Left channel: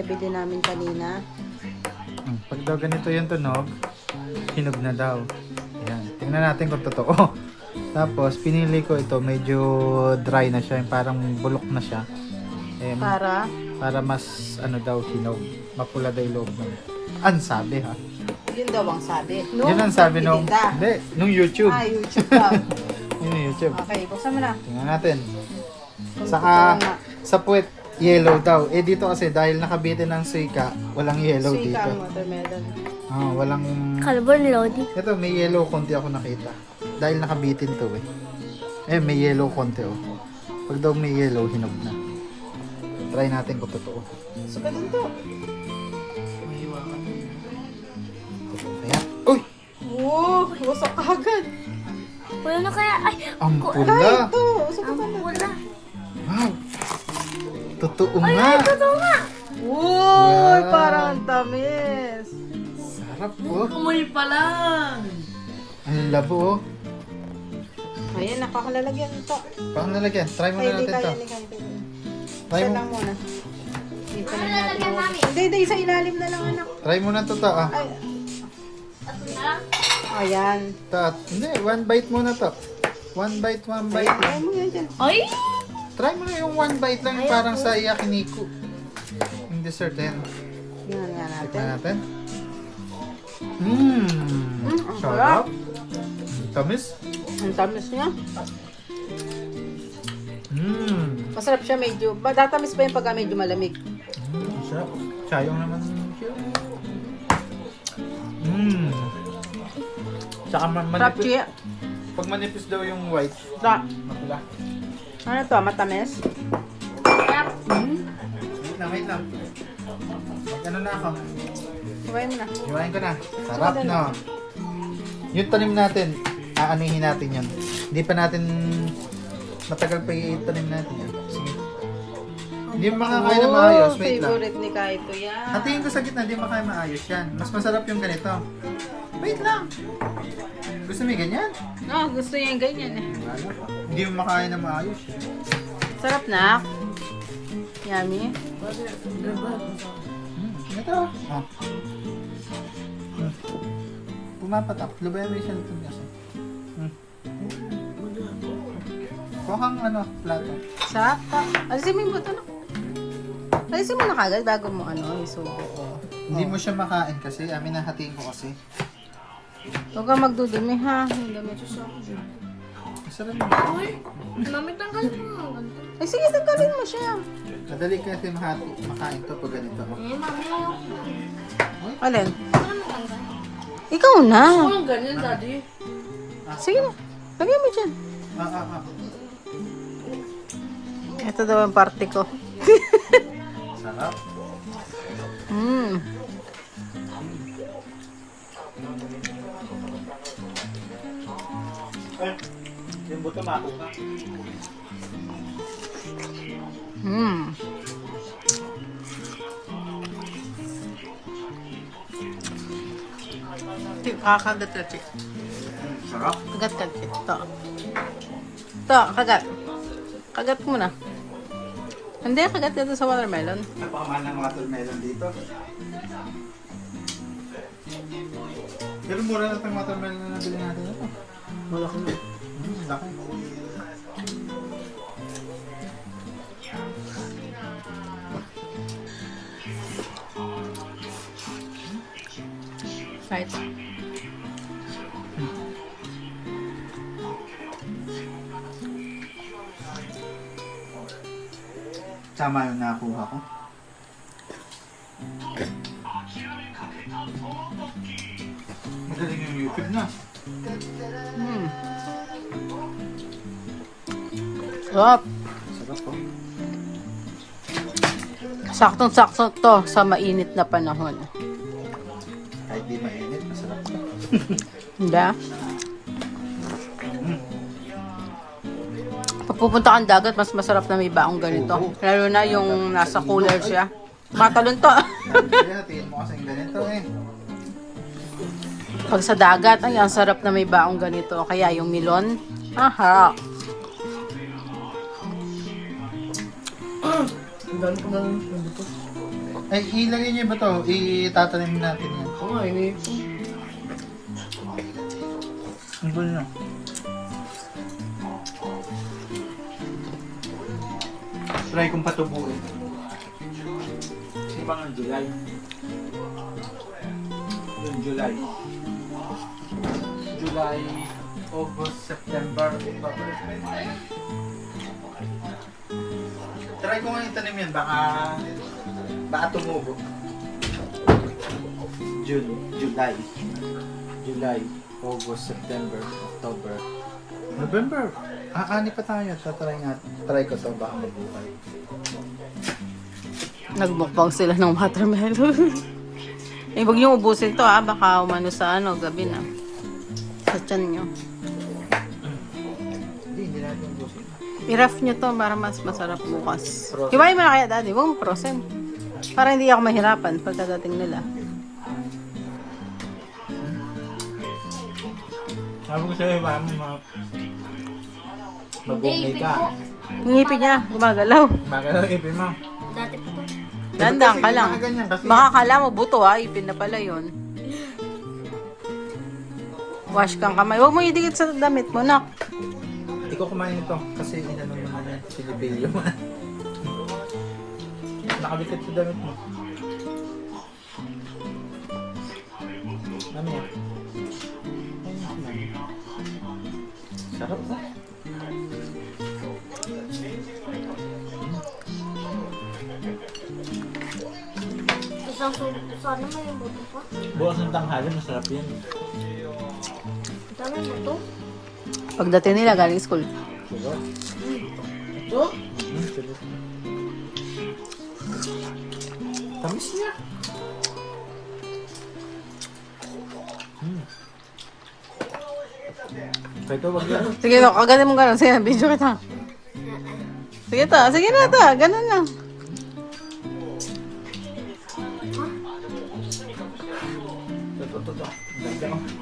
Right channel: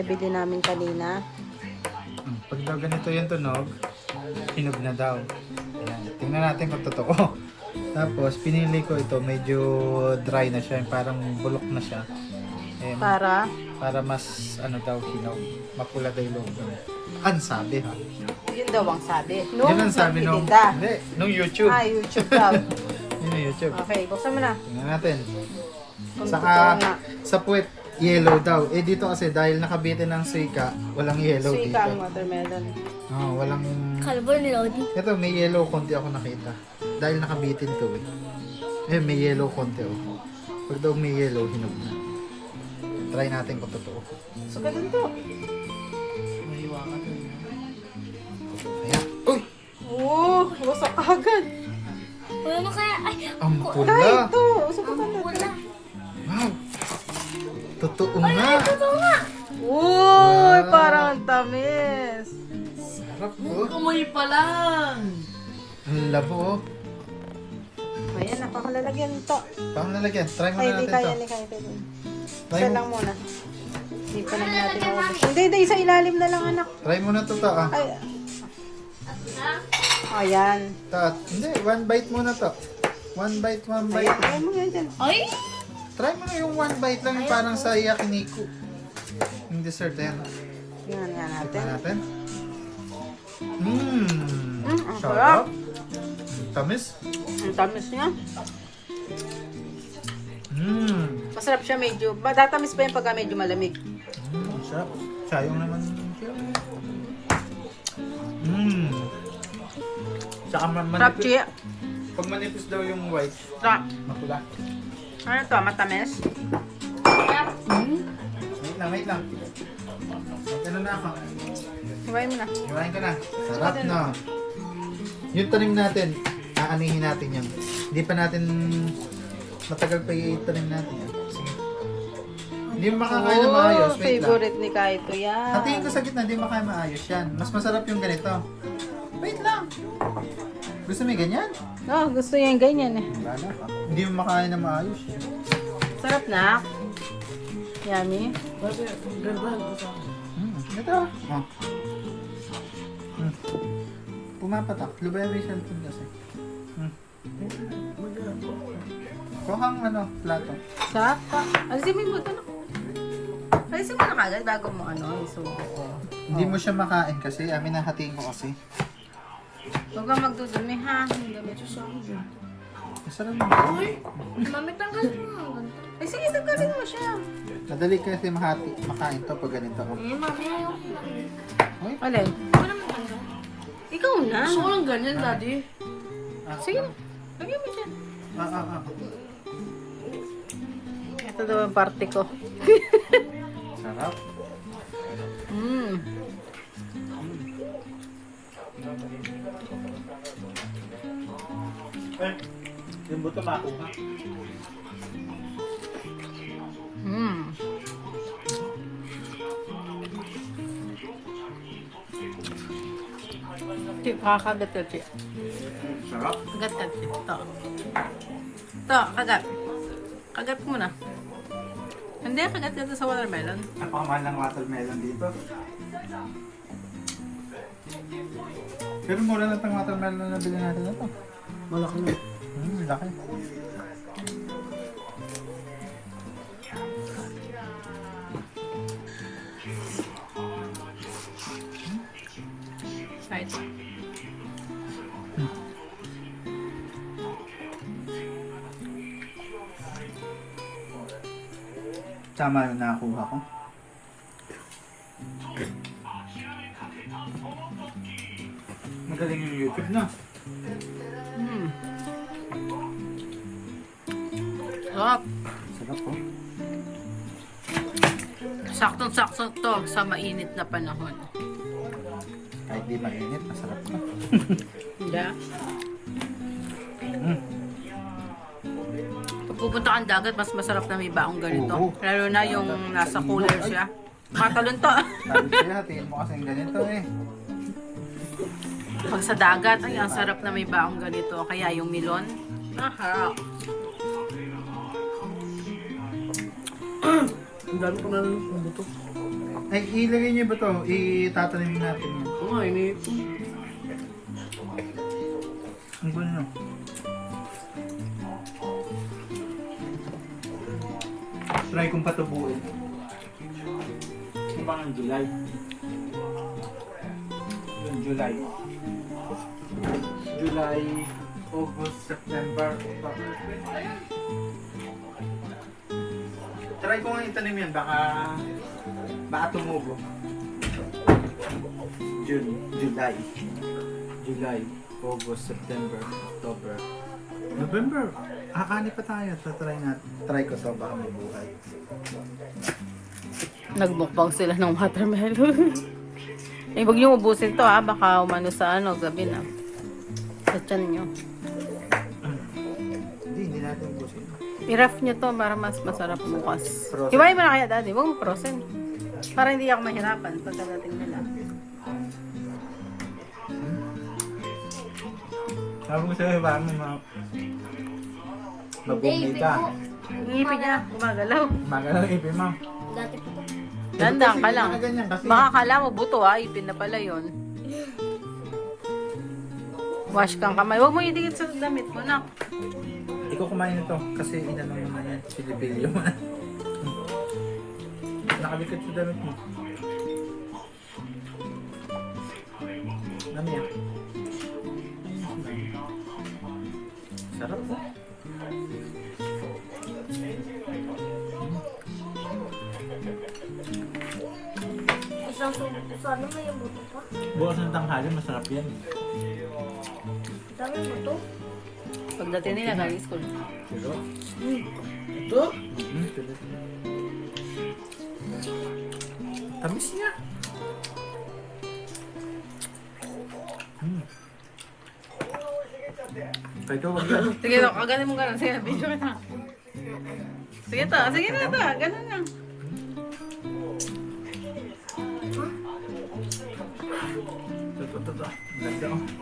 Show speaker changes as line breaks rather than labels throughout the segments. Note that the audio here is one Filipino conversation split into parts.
nabili namin kanina.
Pag daw ganito yung tunog, hinog na daw. Ayan. Tingnan natin kung totoo. Tapos, pinili ko ito, medyo dry na siya. Yung parang bulok na siya. Eh,
Para?
para mas, ano daw, hinog. Mapula daw yung loob mo. Ang sabi ha.
Yun daw ang sabi.
Yun ang sabi nung,
nagtitinda.
hindi, nung YouTube.
YouTube daw.
Yung YouTube.
Okay, buksan mo na.
Tingnan natin.
Kung
Saka,
totoo nga.
sa puwet, yellow daw. Eh, dito kasi, dahil nakabitin ng suika, walang yellow dito.
Suika ang watermelon.
Walang...
Carbon Lodi.
Ito, may yellow konti ako nakita. Dahil nakabitin to eh. Eh, may yellow konti oh. Pag daw may yellow, hinog na. Try natin kung totoo.
So, ganun to.
Mahiwakan na yun. Ayan. Uy!
Oo, wasak agad.
Wala na kaya. Ay,
Ang pula!
Ay, ito. Subukan natin.
Wow! Totoo nga!
totoo nga.
Uy,
Wow.
parang ang tamis.
Sarap oh.
Kumoy pa lang.
Ang labo oh.
Ayan, nakakalalagyan ito.
Paano nalagyan? Try mo
Ay,
na
hindi
natin
kaya,
to.
hindi kaya.
Try
Isa
mo.
lang muna. Hindi pa naman natin maubos. Hindi, sa ilalim na lang, anak.
Try mo na to ah.
Ay. Ayan.
Hindi, one bite muna to. One bite.
Ayan, ayan mo yan dyan.
Ay!
Try mo na yung one bite lang, yung parang sa yakiniku. Yung dessert yan.
Tingnan nga natin.
Tingnan natin.
Ang sarap.
Tamis.
Ang tamis niya. Masarap siya medyo. Matatamis pa yung pagka medyo malamig.
Ang sarap. Sayang naman. Tsaka
Sarap siya.
pag manipis daw yung white,
Sarap.
mapula.
Ano to? Matamis?
Wait lang. Ano na ako?
Hiwain mo na.
Hiwain ko na. Sarap no. Yung tanim natin, aanihin natin yun. Hindi pa natin matagal pa itanim natin eh. Sige. Hindi mo makakain na maayos. Wait lang.
Favorite ni Kaito yan.
Hatiin ko sa gitna, hindi mo makakain maayos yan. Mas masarap yung ganito. Wait lang. Gusto mo yung ganyan?
Oh, gusto niya yung ganyan eh.
Hindi mo makakain na maayos eh.
Sarap na. Yummy.
Ito. Oh. Pumapatak. Liberation food kasi. Kuha kang plato.
Saka. Alisin mo yung buto na. Alisin mo na kagad bago mo isubo. Oh.
Hindi mo siya makain kasi. Amin na hatiin ko kasi.
Huwag kang magdudumi ha. Ang dami ito sa akin.
Masarap mo.
Mami, tanggal mo.
Ay sige, tanggalin mo siya.
Madali kasi makain to pag ganito. Oh.
Mami, ayaw.
Alin?
Ako naman tanggal.
Ikaw na.
Ang ganyan, daddy.
Sige na. Lagyan mo dyan.
Ah.
Ito daw ang parte ko.
Sarap. Yung buto makuha.
Kakagat ka, Chi.
Sarap.
Kagat ka, Chi. Ito. Ito, kagat. Kagat mo na. Hindi, kagat ka sa watermelon.
Napakamahal ng watermelon dito. Pero mura na itong watermelon na bilhin natin ito. Malaki na. Laki.
Right.
Tama yung nakakuha ko. Magaling yung YouTube na.
Sarap.
Sarap po.
Saktong-sakto to sa mainit na panahon.
Kahit di mainit, masarap to.
Hindi ah. Pag pupunta kang dagat, mas masarap na may baong ganito.
Oo.
Lalo na yung nasa cooler siya. Matalon to.
Sabi ko na, tingin mo kasing ganito eh.
Pag sa dagat, ay, ang sarap na may baong ganito. Kaya yung milon, aha.
Ang dami ko na ng buto.
Eh, ilagay niyo ba to? Itatanim natin yan.
Oo nga, ini ito.
Ang gulo na. Try kong patubuin. Kasi baka ng July. Yun, July. July, August, September, October. Try ko nga itanim yan, baka tumubo. July, August, September, October, November. Ani pa tayo. Try ko to, baka mabuhay.
Nagmukbang sila ng watermelon. Eh, huwag niyo ubusin to ha. Baka umano sa gabi na. Sa tiyan nyo.
Hindi natin ubusin.
I-ref nyo to para mas masarap bukas.
Frozen.
Hiwain mo na kaya, daddy. Huwag mo frozen. Para hindi ako mahirapan pagkadating nila.
Sabi ko sa'yo, baka mabungay ka.
Ngipin niya, gumagalaw.
Magalaw ipin mo.
Dati pa to.
Dandang ka lang.
Ganyan, kasi
Baka kala mo buto ha, ipin na pala yun. Wash kang kamay. Huwag mo idikit sa damit mo, nak.
ikaw kumain nito kasi inanong mo na yan. Sinibilyo mo. Nakabikit sa damit mo. Mami yan. Ayun yung sinabi. Sarap po.
Sana may yung buto pa.
Bukas ng tanghali, masarap yan.
Ang dami yung buto.
Pagdating nila, galing school.
Siguro.
Ito?
Sulit. Tamis niya. Kaya ito, wag yan.
Sige to, kaganin mo gano'n. Sige, video kita. Sige to, sige na to. Ganun lang.
Ito. Ang ganda oh.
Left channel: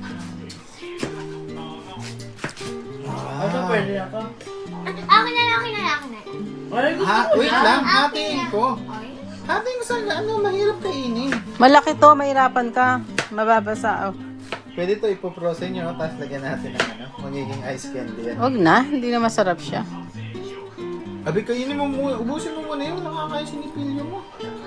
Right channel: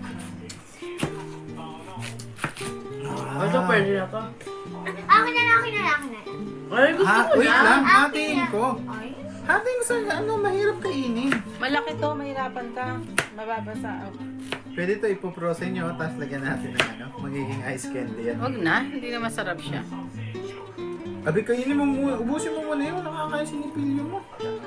Ito pwede na to.
Akin na.
Ay, gusto ko
Wait
na.
lang, hatiin ko.
Okay.
Hatiin ko sa mahirap kainin.
Malaki to, mahirapan ka. Mababasa. Oh.
Pwede ito ipoprosen nyo, tapos lagyan natin ng magiging ice candy yan.
Huwag na, hindi na masarap siya.
Abi, kainin mo muna, ubusin mo muna yun, nakakaya sinipilyo mo.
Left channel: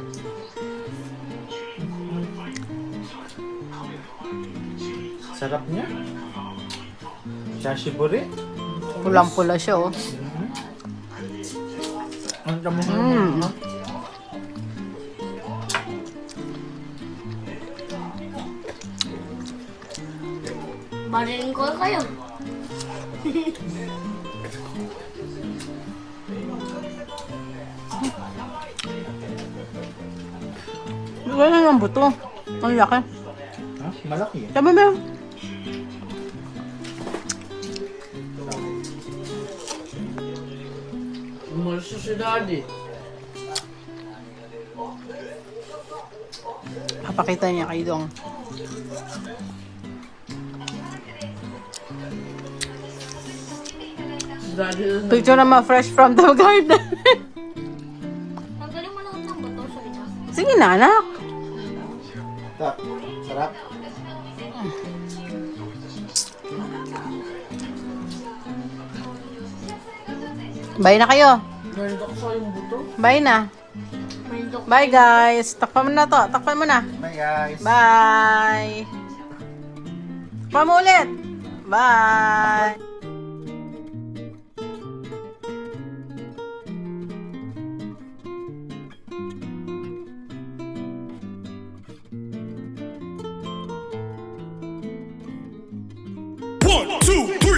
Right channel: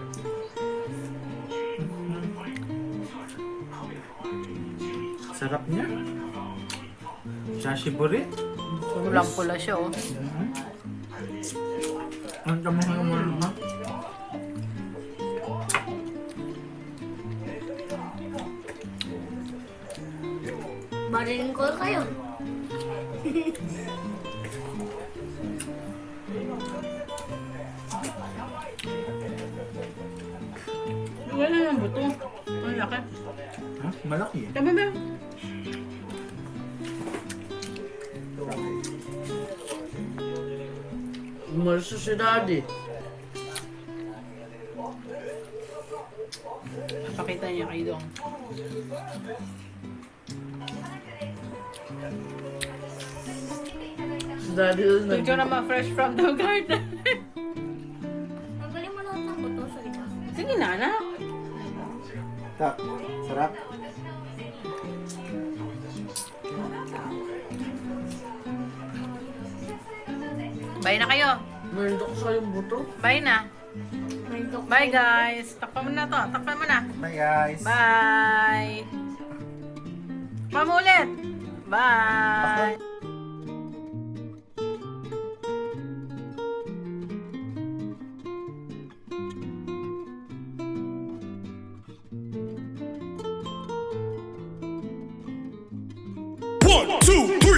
Sarap niya. Sashiburi.
Pulang-pula siya, oh.
Ang damo mo naman.
Barilin ko kayo.
Wala nga buto. Ang laki.
Ha? Malaki eh.
Sabi mo.
Umalis si daddy.
Papakita niya kay Dong.
Si daddy yun.
Picture naman fresh from the garden.
Tanggalin mo lahat ng buto sa ito.
Sige na, anak.
Ito, sarap.
Bye na kayo.
Nandok sa yung buto.
Bye na.
May dok.
Bye guys. Takpan mo na to. Takpan mo na.
Bye guys.
Bye. Takpan mo ulit. Bye.
One, two, three.